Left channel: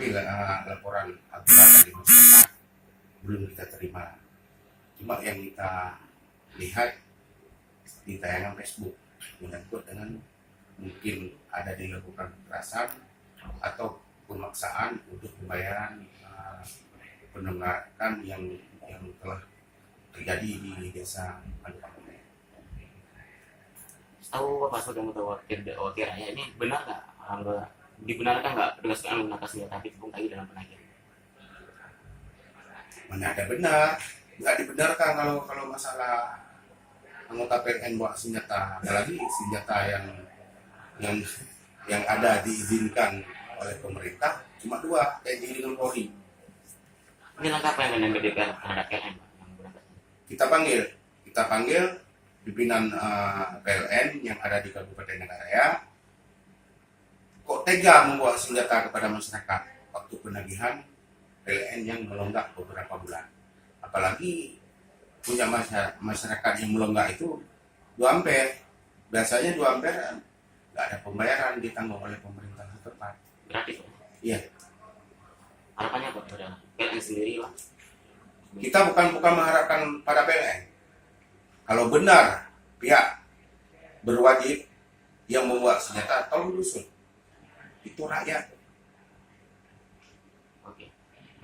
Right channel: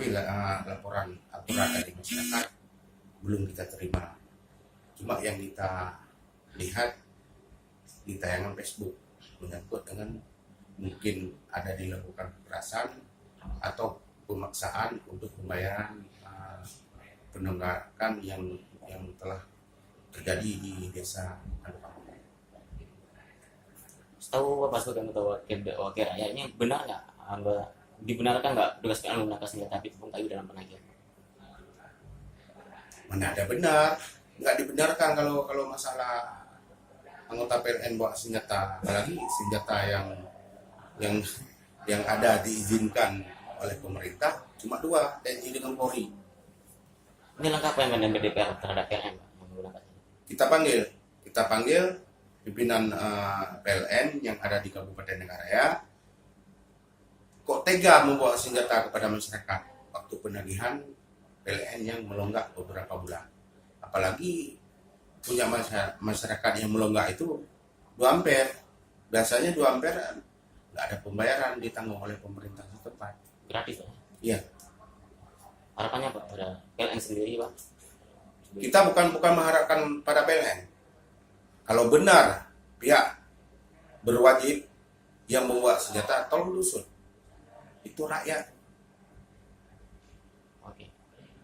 tapi laporan aturan dari masyarakat belum kita terima. Cuma yang kita lihat di tayangan Facebook menyangkut dengan mungkin ada dilakukan kekerasan atau pemaksaan untuk pembayaran penunggakan yang telah terjadi di desa Anupakume. Tahu Mas Udah wakil rakyat ini benar nggak? Dibenarkan nggak petugas PLN menggunakan senjata api tepung kayu dalam penagihan? Mana ada benar, nggak dibenarkan kalau masalah anggota PLN bawa senjata, apalagi senjata yang ada diizinkan oleh pemerintah cuma dua, TNI dengan Polri. Ini langkah apa yang akan diambil DPR terhadap PLN Pak, yang menggunakan? Kita panggil pimpinan PLN yang ada di Kabupaten Nagaraya. Kok tega membawa senjata kepada masyarakat waktu penagihan PLN yang melonggak beberapa bulan. Apalagi punya masyarakat yang melonggak itu 2 ampere. Biasanya 2 ampere nggak ada pembayaran, ditanggung oleh pemerintah setempat. Gratis Pak? Iya. Harapannya Pak pada PLN sendiri Pak? Kita bukan mengharapkan pada PLN. Kalau benar pihak berwajib yang membuat senjata, tolong dusut. Itu rakyat.